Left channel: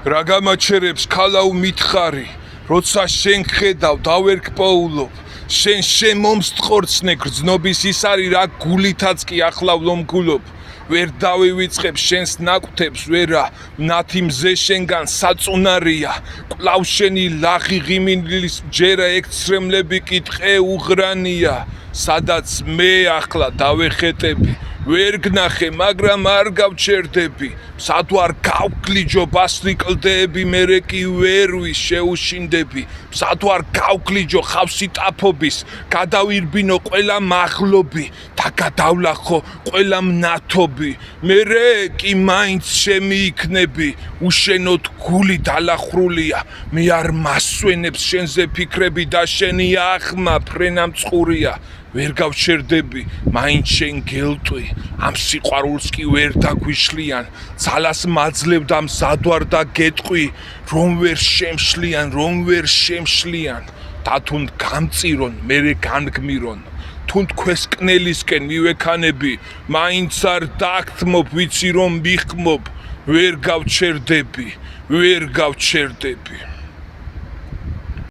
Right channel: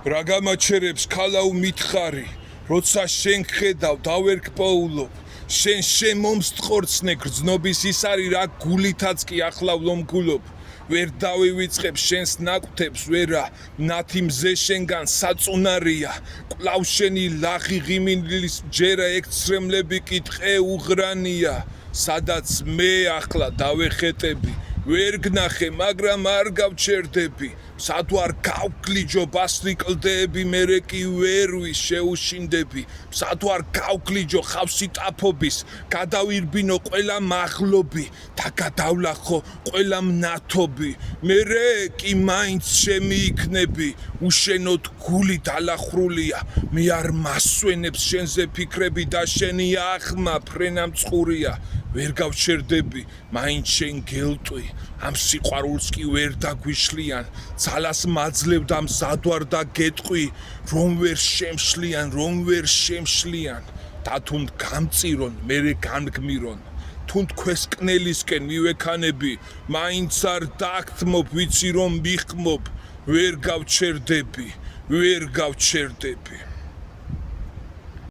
რა გამაჩერებს ქალავ მითხარი როცა შენ ხედავ დავერკპოულობ შენ მომსტყორცნე გრძნობის ის არის რა გულითაც კი ახლა ვლომგულობ ვერ დავივიწყებ შენს ნაკვთებს ვერა ნათი მზე შენგან საწუნარია კვლავ შენი ლაღი ღიმინლის ჯერა ექცრემლები კი ტყე უღრანია სადაც მე ახლა დავეხეტები ვერ გნახე მაგრამ არ გავჩერდები სად ვარ გავგლიჯო ბასრიკლდები მერე კი ვერვის შეუშინდები სად ვარ გავგლიჯო ხავსი ტაფობის გადავირბინო ყველა მაღლობი და გადავლახო ყველა მნათობი მერე კი მაინც შემიიქნები უშენოდ გული დალახრულია მე არ მასვენებს შენზე ფიქრები და შენი ახმა ფრენა მწყურია ვერ გავჩერდები მაინც შენ გელტვი ამ სიყვარულს კი ვერ დაგვიშლიან ძალას მაძლევ და მზად ვარ და გეტყვი რომ ვერ შემშლიან და თუნ გამწირონ მერე განგმირონ თუნ ქვესკნელისკენ მივექანები მაინც არ დაგთმობ ვიცი რომ მიხმობ ვერ გავჩერდები